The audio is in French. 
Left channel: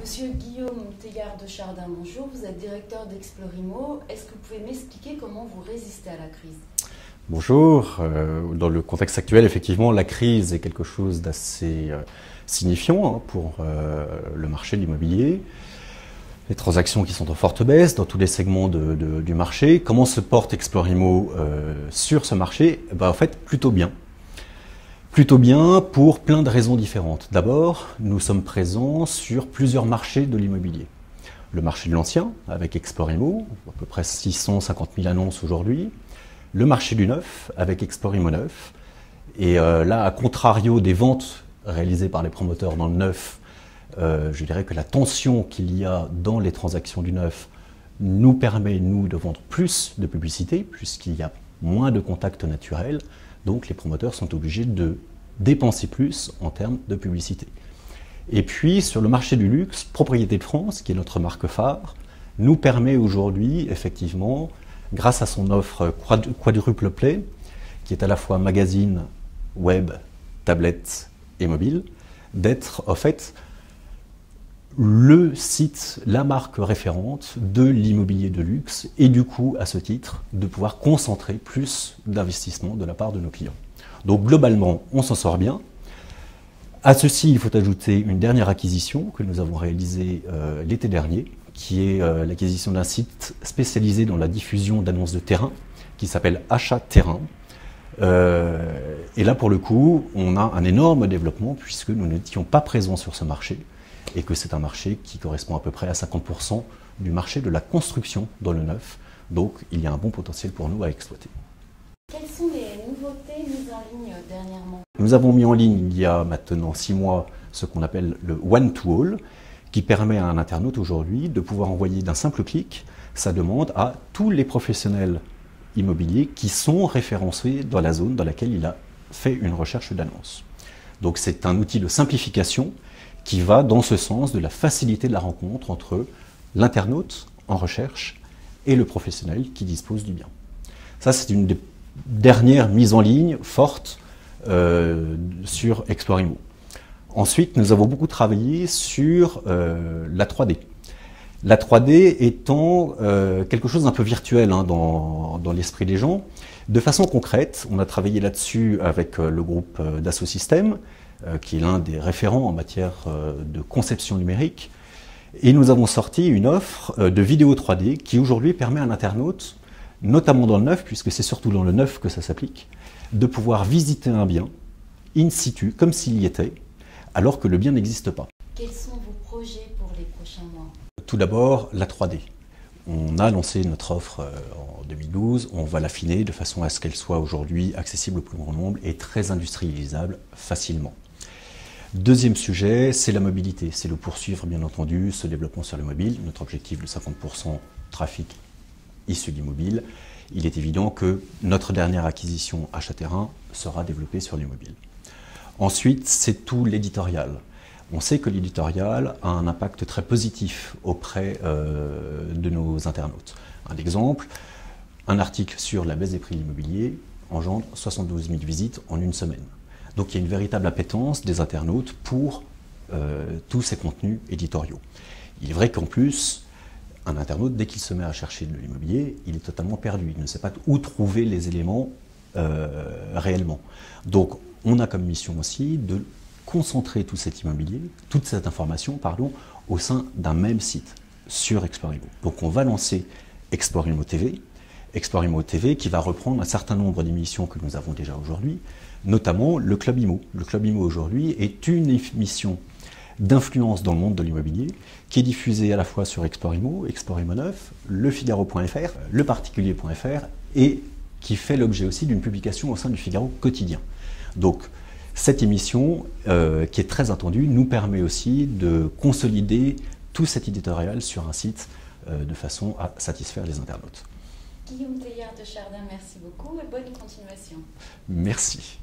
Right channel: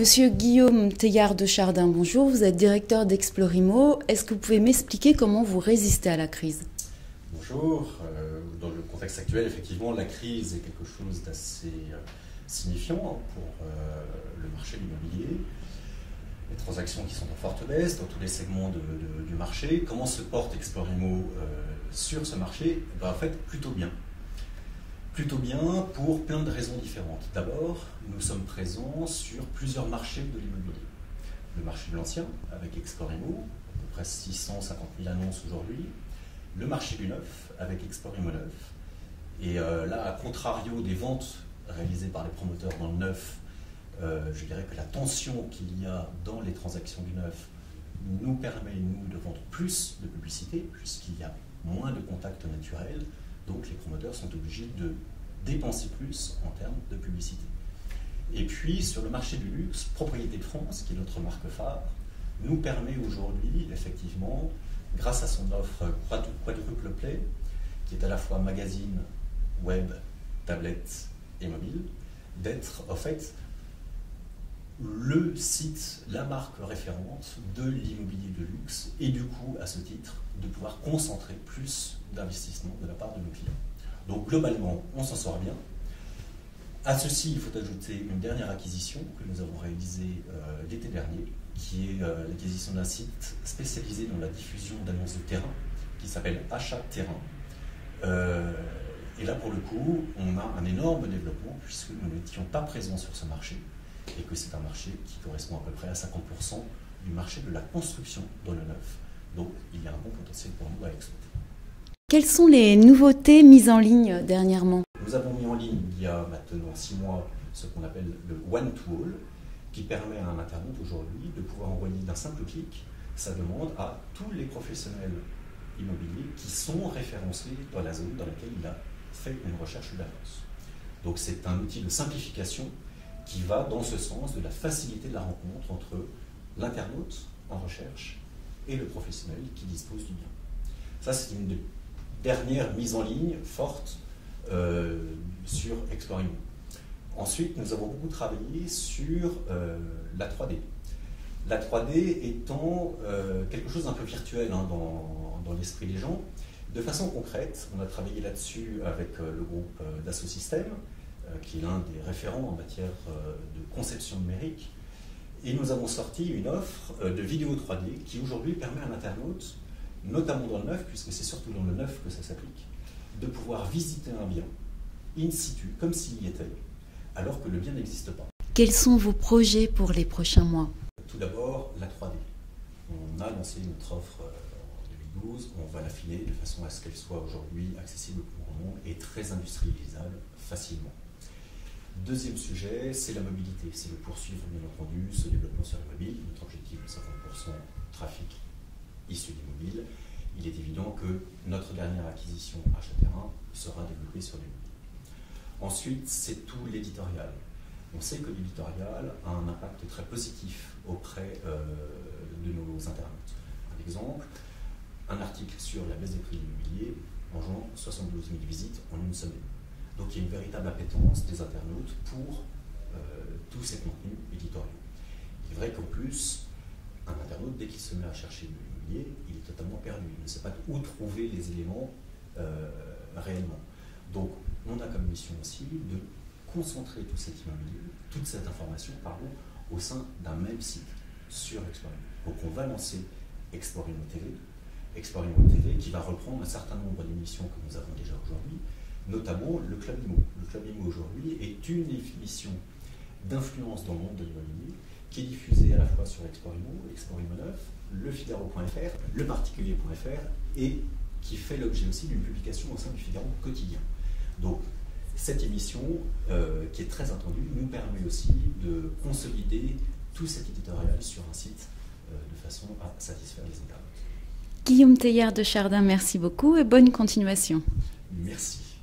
Monsieur Guillaume Teilhard de Chardin, bonjour. Vous êtes directeur d'Explorimo. Est-ce que vous pouvez m'expliquer comment vous résistez à la crise? Bonjour. Dans le contexte actuel, effectivement, la crise est quelque chose d'assez signifiant pour le marché de l'immobilier. Les transactions qui sont en forte baisse dans tous les segments du marché. Comment se porte Explorimo sur ce marché? En fait, plutôt bien. Plutôt bien pour plein de raisons différentes. D'abord, nous sommes présents sur plusieurs marchés de l'immobilier. Le marché de l'ancien, avec Explorimo, à peu près 650 000 annonces aujourd'hui. Le marché du neuf, avec Explorimo Neuf. Et là, à contrario des ventes réalisées par les promoteurs dans le neuf, je dirais que la tension qu'il y a dans les transactions du neuf nous permet, nous, de vendre plus de publicité, puisqu'il y a moins de contacts naturels. Donc les promoteurs sont obligés de dépenser plus en termes de publicité. Et puis sur le marché du luxe, Propriété de France, qui est notre marque phare, nous permet aujourd'hui, effectivement, grâce à son offre quadruple play, qui est à la fois magazine, web, tablette et mobile, d'être en fait le site, la marque référente de l'immobilier de luxe et du coup, à ce titre, de pouvoir concentrer plus d'investissement de la part de nos clients. Donc globalement, on s'en sort bien. À ceci, il faut ajouter une dernière acquisition que nous avons réalisée l'été dernier, qui est l'acquisition d'un site spécialisé dans la diffusion d'annonces de terrain, qui s'appelle Achat Terrain. Et là, pour le coup, on a un énorme développement puisque nous n'étions pas présents sur ce marché et que c'est un marché qui correspond à peu près à 50% du marché de la construction dans le neuf. Donc, il y a un bon potentiel pour nous à exploiter. Quelles sont les nouveautés mises en ligne dernièrement? Nous avons mis en ligne, il y a maintenant 6 mois, ce qu'on appelle le One-to-All, qui permet à un internaute aujourd'hui de pouvoir envoyer d'un simple clic sa demande à tous les professionnels immobiliers qui sont référencés dans la zone dans laquelle il a fait une recherche d'annonce. Donc c'est un outil de simplification qui va dans ce sens de la facilité de la rencontre entre l'internaute en recherche et le professionnel qui dispose du bien. Ça, c'est une des dernières mises en ligne fortes sur Explorimo. Ensuite, nous avons beaucoup travaillé sur la 3D. La 3D étant quelque chose d'un peu virtuel dans l'esprit des gens. De façon concrète, on a travaillé là-dessus avec le groupe Dassault Systèmes, qui est l'un des référents en matière de conception numérique. Et nous avons sorti une offre de vidéo 3D qui aujourd'hui permet à un internaute, notamment dans le neuf, puisque c'est surtout dans le neuf que ça s'applique, de pouvoir visiter un bien in situ, comme s'il y était, alors que le bien n'existe pas. Quels sont vos projets pour les prochains mois? Tout d'abord, la 3D. On a lancé notre offre en 2012, on va l'affiner de façon à ce qu'elle soit aujourd'hui accessible au plus grand nombre et très industrialisable facilement. Deuxième sujet, c'est la mobilité. C'est le poursuivre, bien entendu, ce développement sur le mobile. Notre objectif de 50% trafic issu du mobile. Il est évident que notre dernière acquisition Achat Terrain sera développée sur les mobiles. Ensuite, c'est tout l'éditorial. On sait que l'éditorial a un impact très positif auprès de nos internautes. Un exemple, un article sur la baisse des prix de l'immobilier engendre 72 000 visites en une semaine. Donc il y a une véritable appétence des internautes pour tous ces contenus éditoriaux. Il est vrai qu'en plus, un internaute, dès qu'il se met à chercher de l'immobilier, il est totalement perdu. Il ne sait pas où trouver les éléments réellement. Donc on a comme mission aussi de concentrer tout cet immobilier, toute cette information, au sein d'un même site sur Explorimo. Donc on va lancer Explorimo TV, qui va reprendre un certain nombre d'émissions que nous avons déjà aujourd'hui, notamment le Club Imo. Le Club Imo aujourd'hui est une émission d'influence dans le monde de l'immobilier qui est diffusée à la fois sur Explorimo, Explorimo Neuf, lefigaro.fr, leparticulier.fr et qui fait l'objet aussi d'une publication au sein du Figaro quotidien. Donc cette émission, qui est très attendue, nous permet aussi de consolider tout cet éditorial sur un site de façon à satisfaire les internautes. Guillaume Teilhard de Chardin, merci beaucoup et bonne continuation. Merci.